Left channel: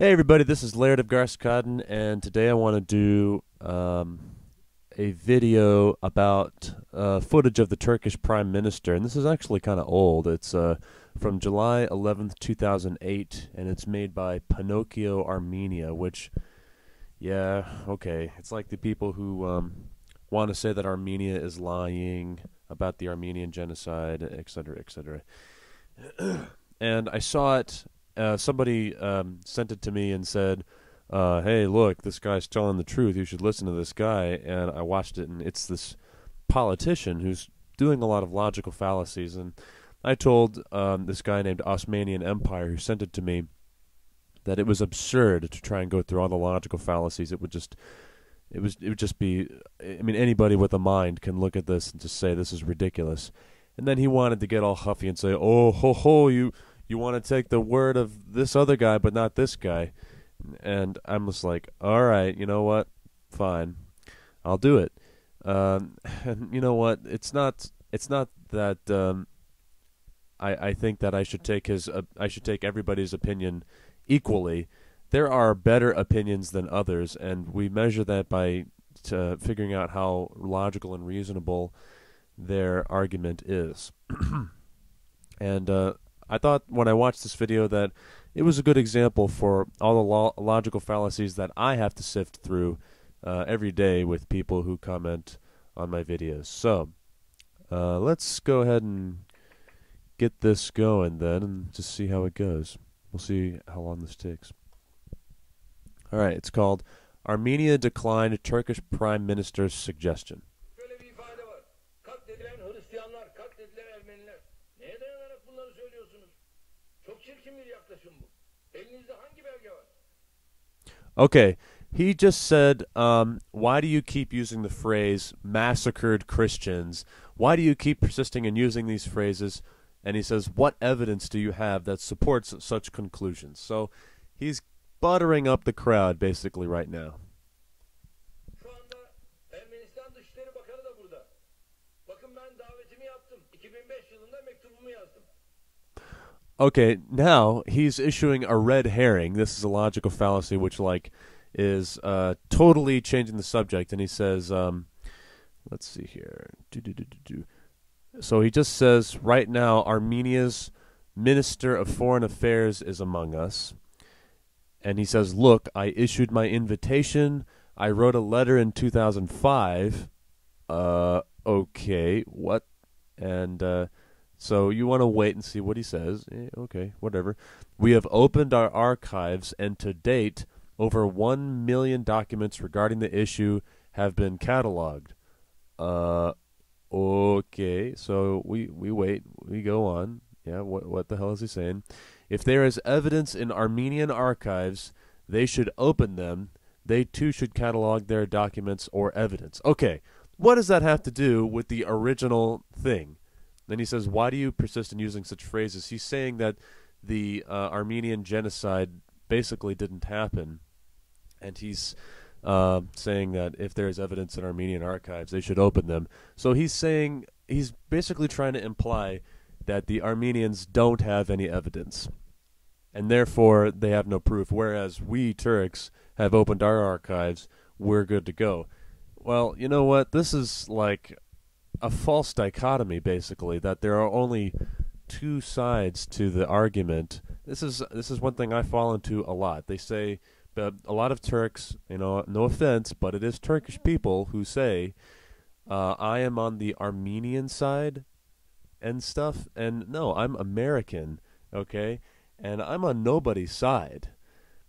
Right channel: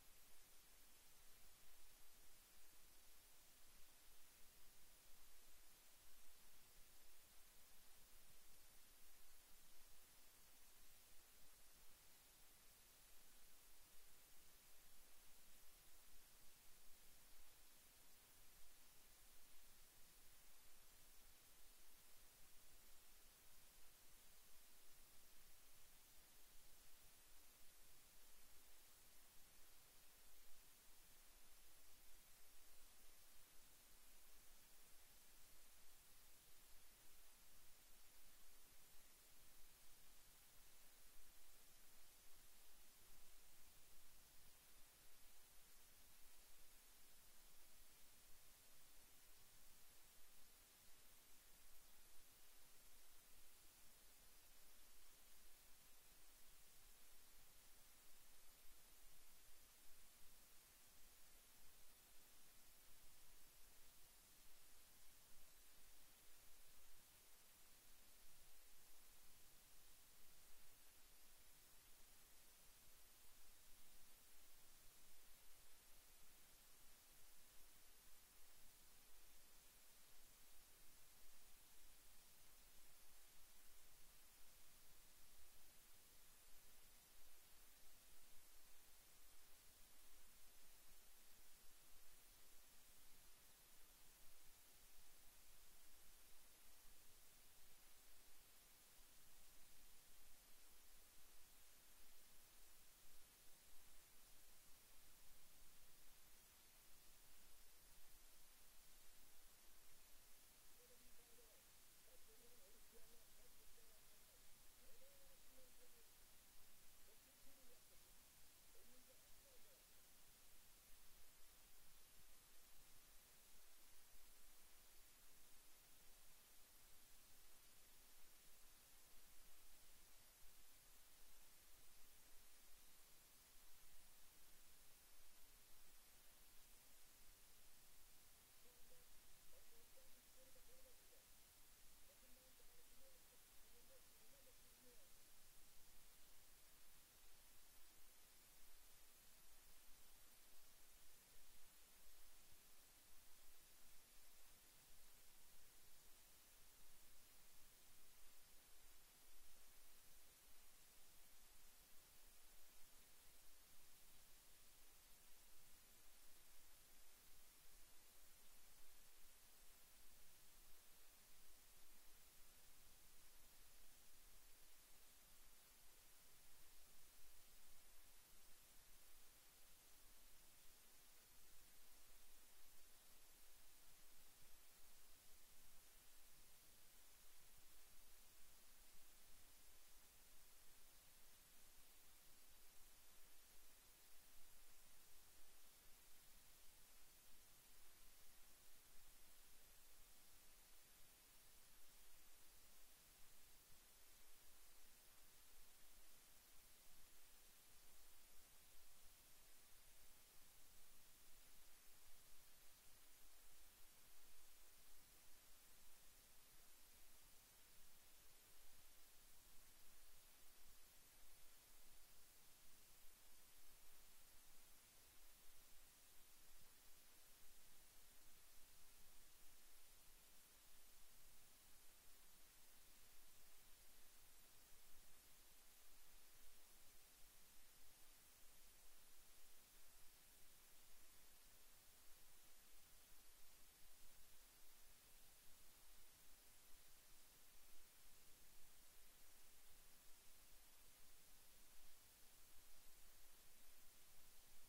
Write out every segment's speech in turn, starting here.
Hey everybody, this is Laird of Garskadden, and today I want to do a video about footage of the Turkish Prime Minister, and this is actually kind of old. It's from July 11th, 2008, and it's made by Pinocchio Armenia, which, yeah, okay, it's like the people who want to say that Armenia is lying about the Armenian Genocide, etc., etc. And I saw it. Somebody sent it to me and said, "Hey, look, this guy's telling the truth. You should listen to this guy." And I watched it, and it's this politician who's doing a lot of logical fallacies. And I told this guy named Osmanian Empire, who sent it to me, that it was absurd to try and go through all the logical fallacies. It would just be. I mean, anybody with a mind can look at this and just say this is ridiculous. And then he wanted to get all huffy and say, "Oh, ho, ho, you want to take the word of this other guy, but not this guy." And I'm just like, all right, you know what? Fine, I'll do it. And you know what? It's not that I think that I should take I should take everybody's opinion equally. There are better opinions than others, and we measure that by figuring out how logical and reasonable their argument is. And I thought when I watched this video that it was a good example for all the logical fallacies that I have to sift through every day with people who comment on my videos. So let's go ahead and get this going then and just see how it goes. We'll see how long this takes. All right, it's called Armenia Declined Turkish Prime Minister's Suggestion. Şöyle bir ifade var. Katledilen Hristiyanlar, katledilen Ermeniler. Neye dayanarak bunları söylüyorsunuz? Çok çirkin bir yaklaşım bu. Elinizde hangi belge var? Okay, he just said, why do you keep using the phrase massacred Christians? Why do you keep persisting in using these phrases? And he says, what evidence do you have that supports such conclusions? So he's buttering up the crowd basically right now. Şu anda Ermenistan Dışişleri Bakanı da burada. Bakın ben davetimi yaptım. 2005 yılında mektubumu yazdım. Okay, now he's issuing a red herring. This is a logical fallacy, which is totally changing the subject. And he says, let's see here. So he just says, right now, Armenia's Minister of Foreign Affairs is among us. And he says, look, I issued my invitation. I wrote a letter in 2005. Okay, what? And so you want to wait and see what he says. Okay, whatever. We have opened our archives, and to date, over 1 million documents regarding the issue have been cataloged. Okay, so we wait. We go on. Yeah, what the hell is he saying? If there is evidence in Armenian archives, they should open them. They too should catalog their documents or evidence. Okay, what does that have to do with the original thing? Then he says, why do you persist in using such phrases? He's saying that the Armenian genocide basically didn't happen. And he's saying that if there is evidence in Armenian archives, they should open them. So he's basically trying to imply that the Armenians don't have any evidence, and therefore they have no proof, whereas we Turks have opened our archives, we're good to go. Well, you know what? This is like a false dichotomy, basically, that there are only two sides to the argument. This is one thing I fall into a lot. They say, a lot of Turks, no offense, but it is Turkish people who say, I am on the Armenian side and stuff, and no, I'm American, okay, and I'm on nobody's side.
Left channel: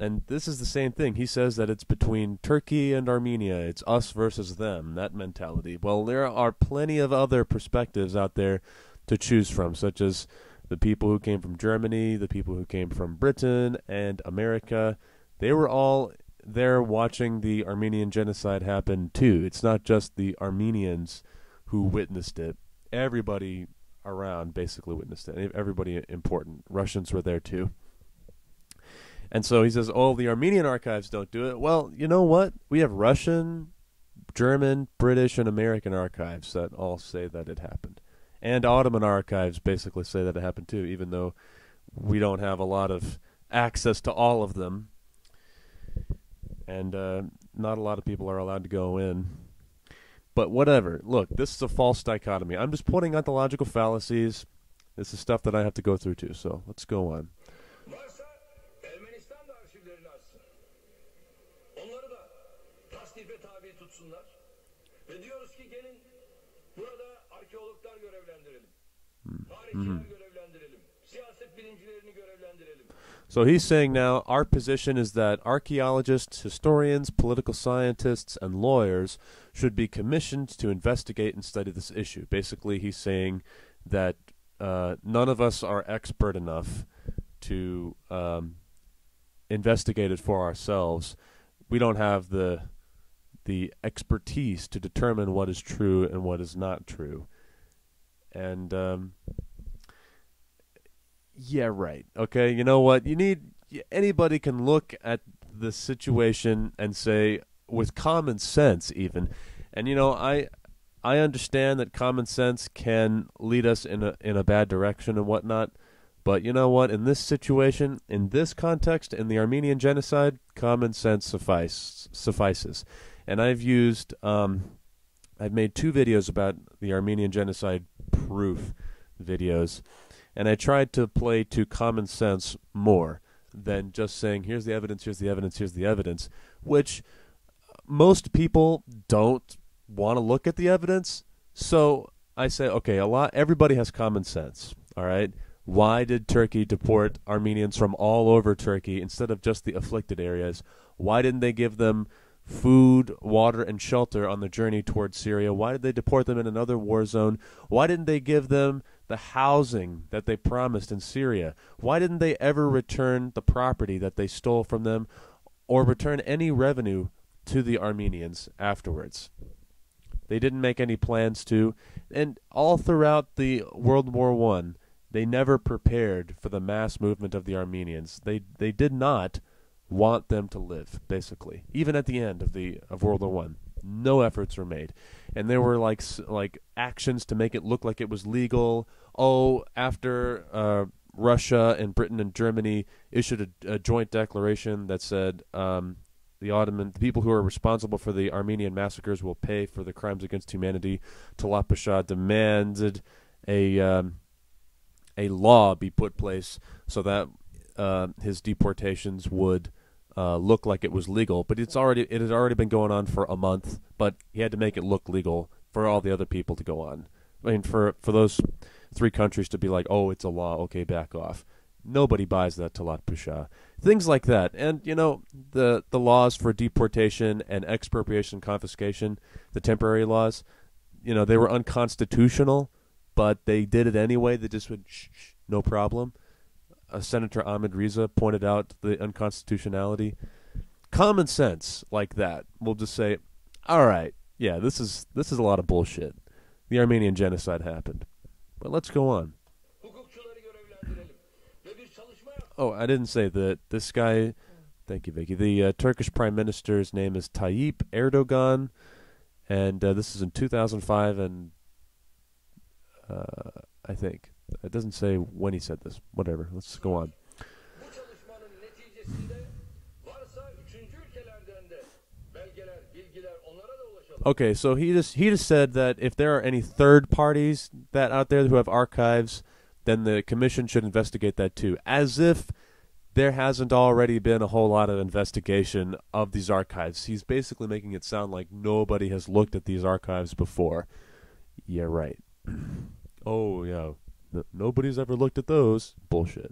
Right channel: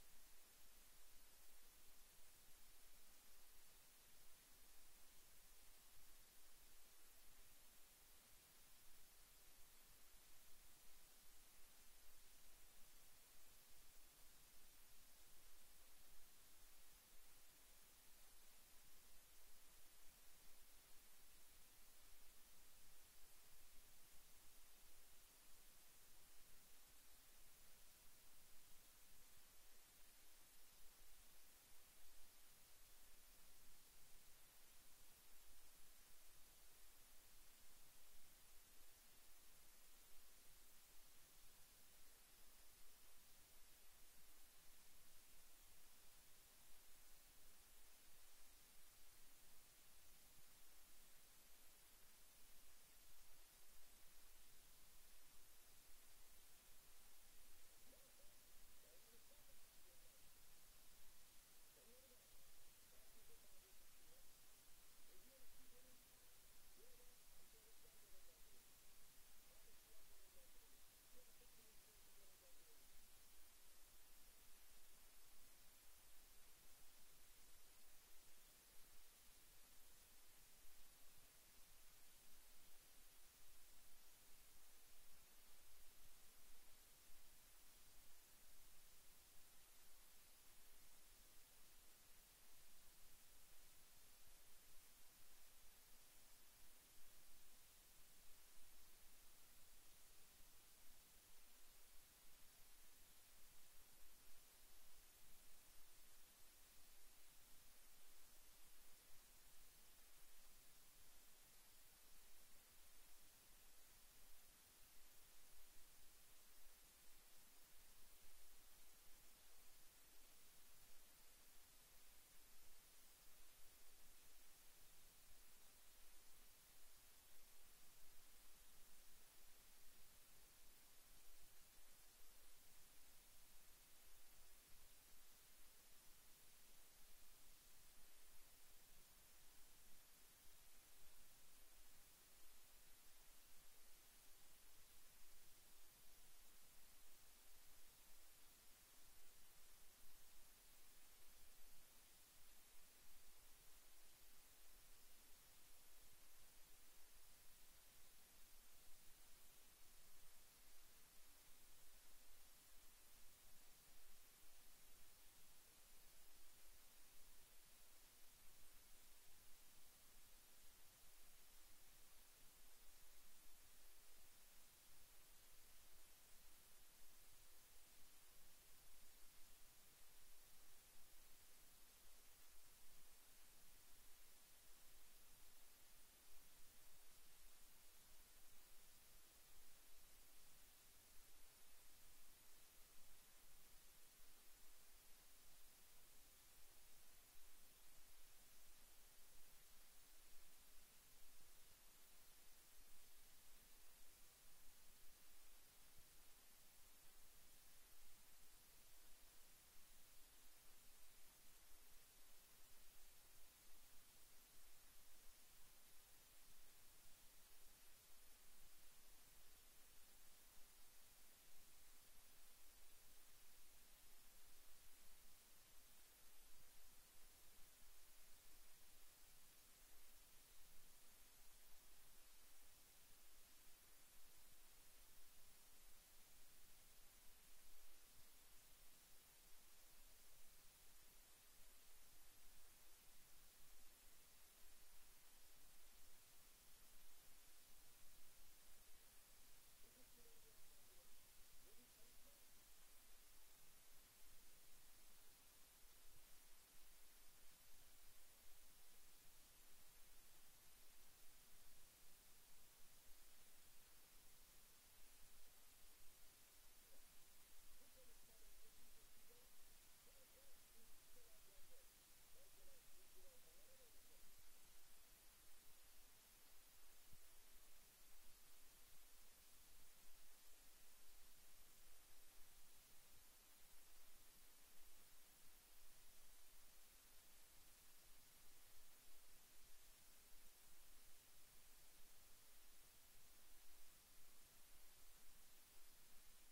And this is the same thing. He says that it's between Turkey and Armenia. It's us versus them, that mentality. Well, there are plenty of other perspectives out there to choose from, such as the people who came from Germany, the people who came from Britain and America. They were all there watching the Armenian genocide happen too. It's not just the Armenians who witnessed it. Everybody around basically witnessed it. Everybody important. Russians were there too. And so he says, oh, the Armenian archives don't do it. Well, you know what? We have Russian, German, British, and American archives that all say that it happened. And Ottoman archives basically say that it happened too, even though we don't have a lot of access to all of them. and not a lot of people are allowed to go in. But whatever. Look, this is a false dichotomy. I'm just pointing out the logical fallacies. This is stuff that I have to go through too. So let's go on. Varsa Ermenistan da arşivlerini açsın. Onları da tasnife tabi tutsunlar. Ve diyoruz ki gelin burada arkeologlar görevlendirelim. Tarihçiler görevlendirelim. Siyaset bilimcilerini görevlendirelim. So he's saying now our position is that archaeologists, historians, political scientists, and lawyers should be commissioned to investigate and study this issue. Basically, he's saying that none of us are expert enough to investigate it for ourselves. We don't have the expertise to determine what is true and what is not true. And yeah, right. Okay, you know what? Anybody can look at the situation and say, with common sense even, and I understand that common sense can lead us in a bad direction and whatnot, but you know what? In this situation, in this context, in the Armenian Genocide, common sense suffices. And I've made 2 videos about the Armenian Genocide proof videos, and I tried to play to common sense more than just saying, here's the evidence, here's the evidence, here's the evidence, which most people don't want to look at the evidence. So I say, okay, everybody has common sense, all right? Why did Turkey deport Armenians from all over Turkey instead of just the afflicted areas? Why didn't they give them food, water, and shelter on the journey towards Syria? Why did they deport them in another war zone? Why didn't they give them the housing that they promised in Syria? Why didn't they ever return the property that they stole from them or return any revenue to the Armenians afterwards? They didn't make any plans to, and all throughout the World War I, they never prepared for the mass movement of the Armenians. They did not want them to live, basically. Even at the end of World War I, no efforts were made, and there were like actions to make it look like it was legal. Oh, after Russia and Britain and Germany issued a joint declaration that said the people who are responsible for the Armenian massacres will pay for the crimes against humanity. Talat Pasha demanded a law be put place so that his deportations would look like it was legal. But it had already been going on for a month, but he had to make it look legal for all the other people to go on. I mean, for those 3 countries to be like, oh, it's a law, okay, back off. Nobody buys that, Talat Pasha. Things like that. And, the laws for deportation and expropriation and confiscation, the temporary laws, they were unconstitutional, but they did it anyway. They just would, shh, no problem. Senator Ahmed Riza pointed out the unconstitutionality. Common sense like that will just say, all right, yeah, this is a lot of bullshit. The Armenian Genocide happened. But let's go on. Oh, I didn't say that this guy, thank you, Vicky. The Turkish Prime Minister's name is Tayyip Erdogan, and this is in 2005, and I think. It doesn't say when he said this. Whatever, let's go on. Okay, so he just said that if there are any third parties that out there who have archives, then the commission should investigate that too. As if there hasn't already been a whole lot of investigation of these archives. He's basically making it sound like nobody has looked at these archives before. Yeah, right. Oh, yeah. Nobody's ever looked at those. Bullshit.